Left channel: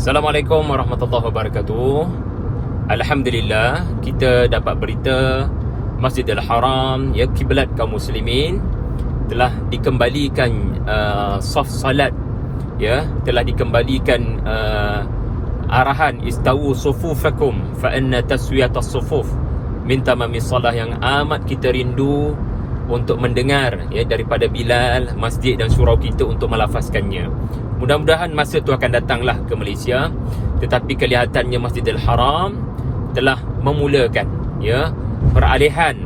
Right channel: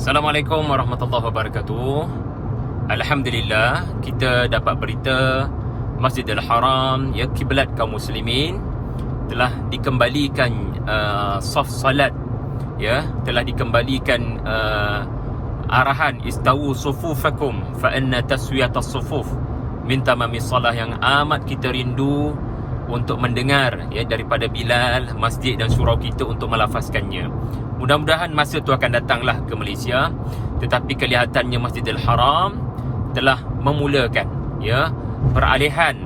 Assalamualaikum warahmatullahi wabarakatuh. Alhamdulillah, kita dapat berita Masjidil Haram, ya, kiblat kaum muslimin, telah dikembalikan saf salat, ya, telah dikembalikan arahan istawu sufufakum fa inna taswiyatas sufuf min tamamis salah, yang amat kita rindu untuk mendengar, ya, daripada Bilal, masjid dan surau kita untuk melafazkannya. Mudah-mudahan masa tu akan datanglah ke Malaysia. Tetapi kelihatannya Masjidil Haram telah memulakan, ya, peralihan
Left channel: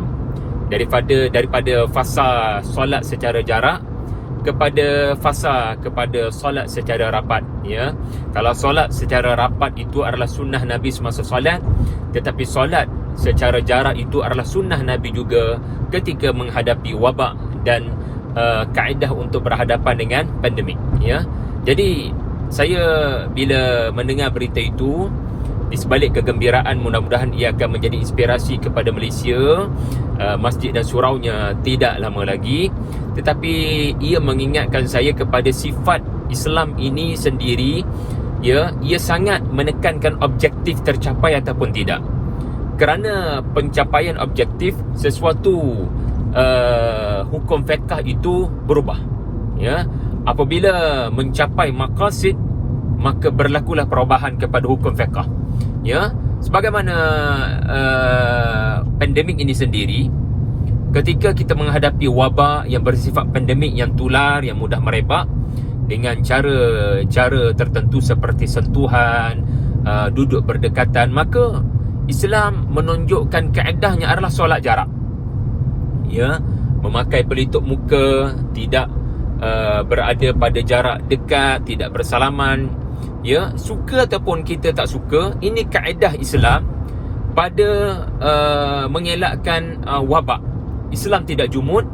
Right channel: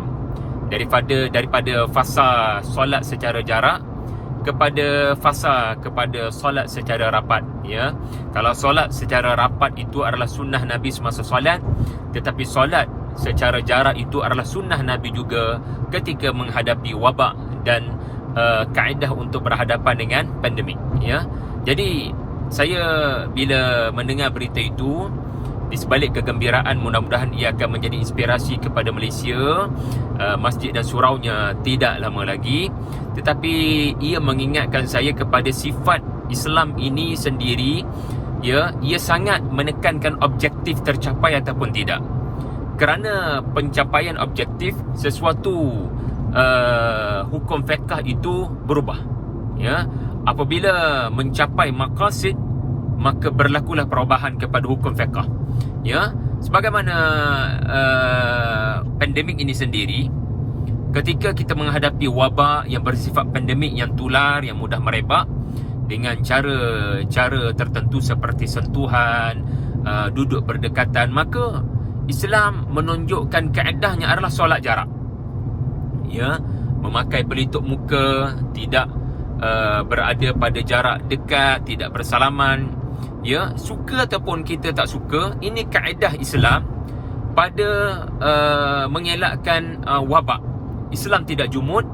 daripada fasa solat secara jarak kepada solat secara rapat, ya. Kalau solat secara rapat itu adalah sunnah Nabi semasa solat, tetapi solat secara jarak itu adalah sunnah Nabi juga ketika menghadapi wabak dan kaedah untuk berhadapan dengan pandemik, ya. Jadi saya bila mendengar berita itu, di sebalik kegembiraan, mudah-mudahan ia akan menjadi inspirasi kepada Malaysia. Masjid dan suraunya tidak lama lagi, tetapi ia mengingatkan saya kepada sifat Islam ini sendiri, ya. Ia sangat menekankan objektif tercapai ataupun tidak. Kerana pencapaian objektif sesuatu, hukum fiqh itu berubah, ya. Apabila mencapai maqasid, maka berlakulah perubahan kepada hukum fiqh, ya. Sebagaimana pandemik ini sendiri, ketika kita menghadapi wabak yang bersifat pandemik, yang tular, yang mudah merebak dengan cara tertentu seperti sentuhan, duduk berdekatan, maka Islam menunjukkan kaedahnya adalah solat jarak, ya. Memakai pelitup muka, tidak berada pada jarak dekat, tidak bersalaman, ya. Suka ataupun kita tak suka, ini kaedah Islam pada mengelakkan wabak. Islam tidak jumud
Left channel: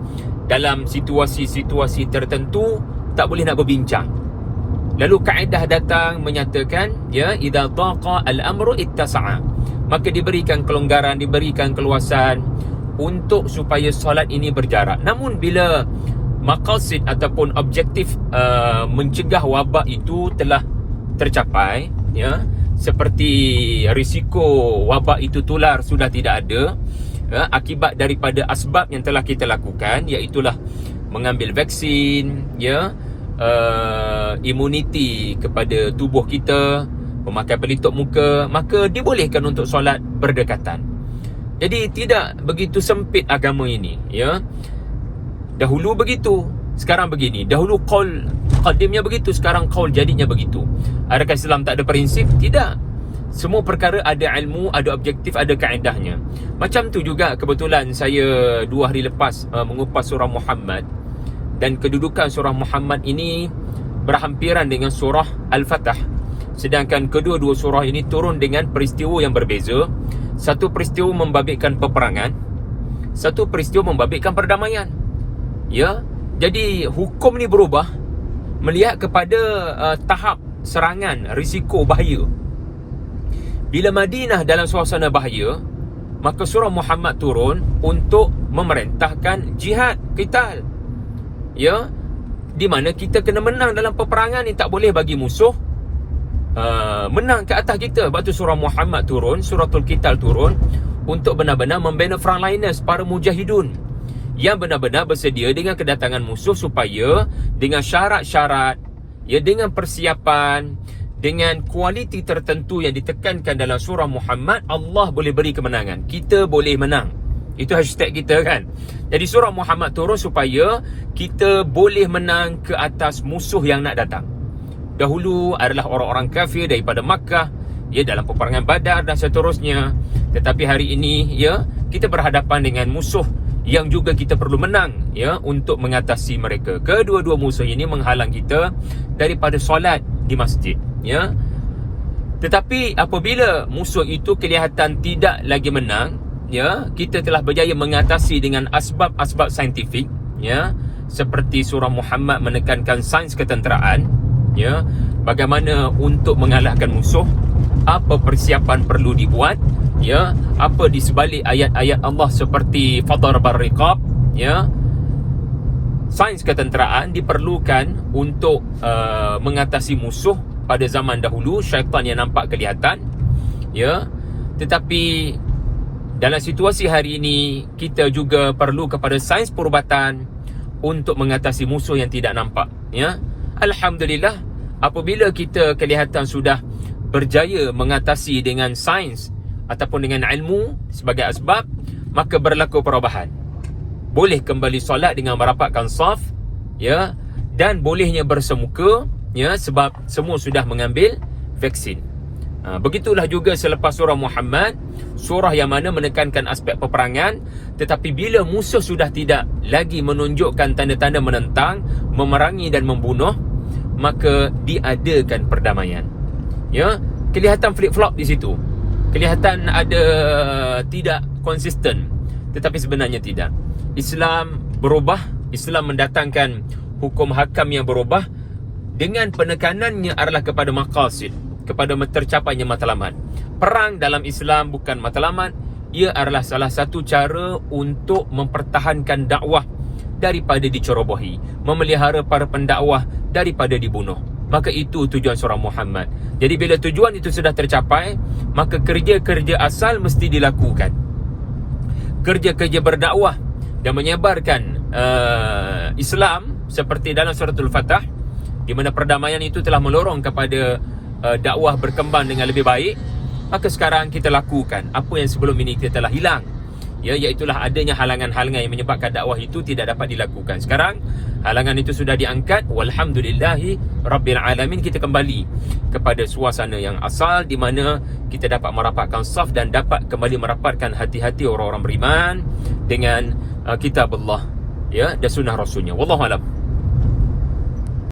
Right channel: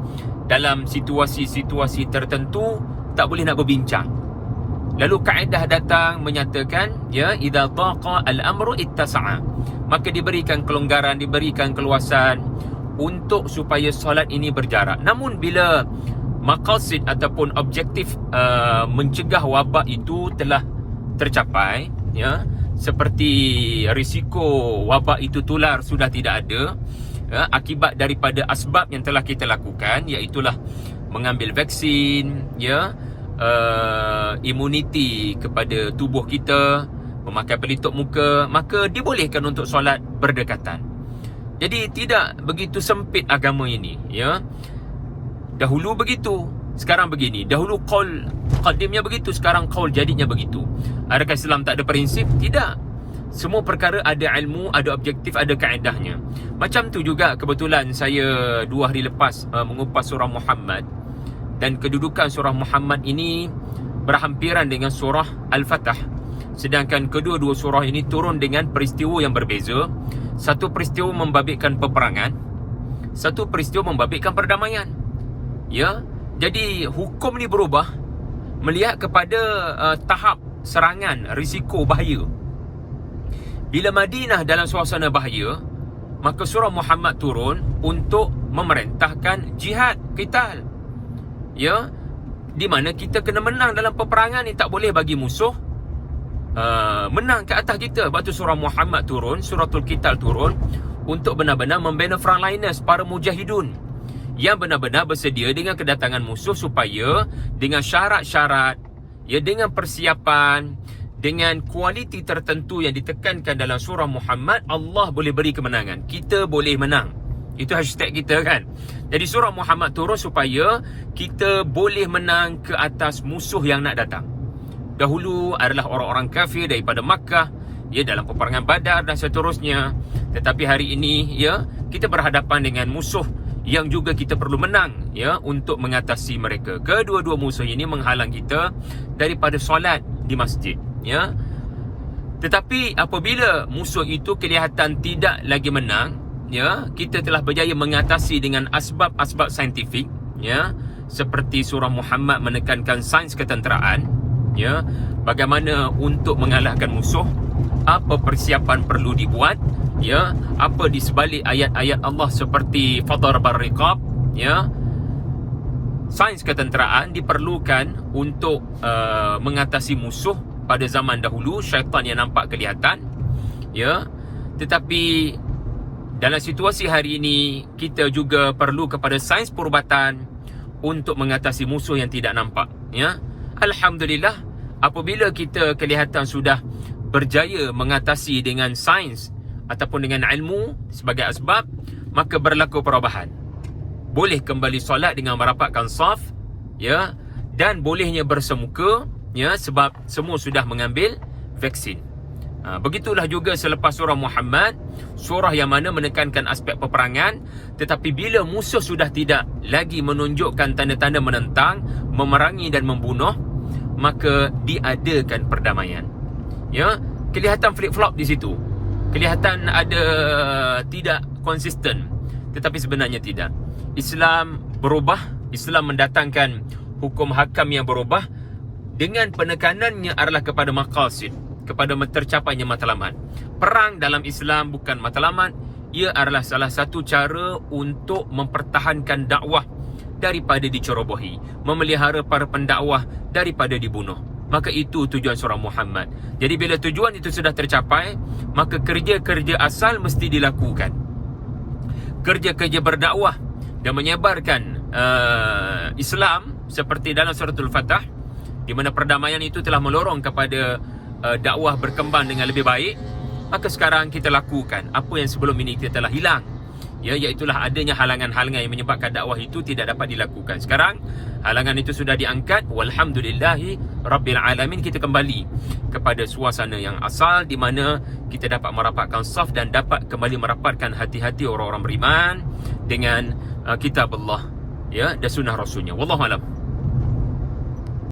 dalam situasi-situasi tertentu, tak boleh nak berbincang. Lalu kaedah datang menyatakan, ya, idza taqa al-amru ittasa'a, maka diberikan kelonggaran, diberikan keluasan untuk supaya solat ini berjarak. Namun bila maqasid ataupun objektif mencegah wabak itu telah tercapai, ya, seperti risiko wabak itu tular sudah tidak ada, ya, akibat daripada asbab yang telah kita lakukan, iaitulah mengambil vaksin, ya, imuniti kepada tubuh kita, memakai pelitup muka, maka dibolehkan untuk solat berdekatan. Jadi tidak begitu sempit agama ini, ya. Dahulu begitu, sekarang begini. Dahulu qaul qadimnya begitu, sekarang qaul jadidnya begitu. Adakah Islam tak ada prinsip? Tidak. Semua perkara ada ilmu, ada objektif, ada kaedahnya. Macam tu juga kebetulan saya 2 hari lepas mengupas surah Muhammad, dan kedudukan surah Muhammad ini berhampiran dengan surah Al-Fatah. Sedangkan kedua-dua surah ini turun dengan peristiwa yang berbeza. Satu peristiwa membabitkan peperangan, satu peristiwa membabitkan perdamaian, ya. Jadi hukum ni berubah melihat kepada tahap serangan, risiko bahaya. Bila Madinah dalam suasana bahaya, maka surah Muhammad turun untuk memerintahkan jihad, qital, ya, di mana kita kena menang dalam peperangan ni. Tak boleh bagi musuh menang ke atas kita. Sebab tu surah Muhammad turun, suratul qital turun untuk benar-benar membina frontliners, para mujahidun yang benar-benar bersedia dengan kedatangan musuh, supaya dengan syarat-syarat, ya, dengan persiapan, dengan kualiti tertentu yang ditekankan dalam surah Muhammad, Allah boleh beri kemenangan. Kita boleh menang. Itu hashtag kita, kan. Jadi surah Muhammad turun supaya kita boleh menang ke atas musuh yang nak datang. Dahulu adalah orang-orang kafir daripada Makkah, ya, dalam peperangan Badar dan seterusnya. Tetapi hari ini, ya, kita berhadapan dengan musuh yang juga kita perlu menang, ya, untuk mengatasi mereka. Kedua-dua musuh ini menghalang kita daripada solat di masjid, ya. Tetapi apabila musuh itu kelihatan tidak lagi menang, ya, kita telah berjaya mengatasi dengan asbab-asbab saintifik, ya, seperti surah Muhammad menekankan sains ketenteraan, ya, bagaimana untuk mengalahkan musuh, apa persiapan perlu dibuat, ya, apa di sebalik ayat-ayat Allah seperti fadarabar riqab, ya. Sains ketenteraan diperlukan untuk mengatasi musuh pada zaman dahulu, syaitan yang nampak kelihatan, ya. Tetapi dalam situasi hari ini, kita juga perlu kepada sains perubatan untuk mengatasi musuh yang tidak nampak, ya. Alhamdulillah, apabila kita kelihatan sudah berjaya mengatasi dengan sains ataupun dengan ilmu sebagai asbab, maka berlaku perubahan. Boleh kembali solat dengan merapatkan saf, ya, dan bolehnya bersemuka, ya, sebab semua sudah mengambil vaksin. Begitulah juga selepas surah Muhammad, surah yang mana menekankan aspek peperangan, tetapi bila musuh sudah tidak lagi menunjukkan tanda-tanda menentang, memerangi dan membunuh, maka diadakan perdamaian. Ya, kelihatan flip-flop di situ. Kelihatan ada tidak konsisten, tetapi sebenarnya tidak. Islam berubah, Islam mendatangkan hukum hakam yang berubah dengan penekanannya adalah kepada maqasid, kepada tercapainya matlamat. Perang dalam Islam bukan matlamat, ia adalah salah satu cara untuk mempertahankan dakwah daripada dicerobohi, memelihara para pendakwah daripada dibunuh. Maka itu tujuan surah Muhammad. Jadi bila tujuan itu sudah tercapai, maka kerja-kerja asal mesti dilakukan. Kerja-kerja berdakwah dan menyebarkan Islam seperti dalam suratul Fatah, di mana perdamaian itu telah melorong kepada dakwah berkembang dengan lebih baik, maka sekarang kita lakukan apa yang sebelum ini kita telah hilang, ya, iaitulah adanya halangan-halangan yang menyebabkan dakwah itu tidak dapat dilakukan. Sekarang halangan itu sudah diangkat, walhamdulillahi rabbil alamin. Kita kembali kepada suasana yang asal, di mana kita dapat merapatkan saf dan dapat kembali merapatkan hati-hati orang-orang beriman dengan kitab Allah, ya, dan sunnah Rasulnya. Wallahu a'lam.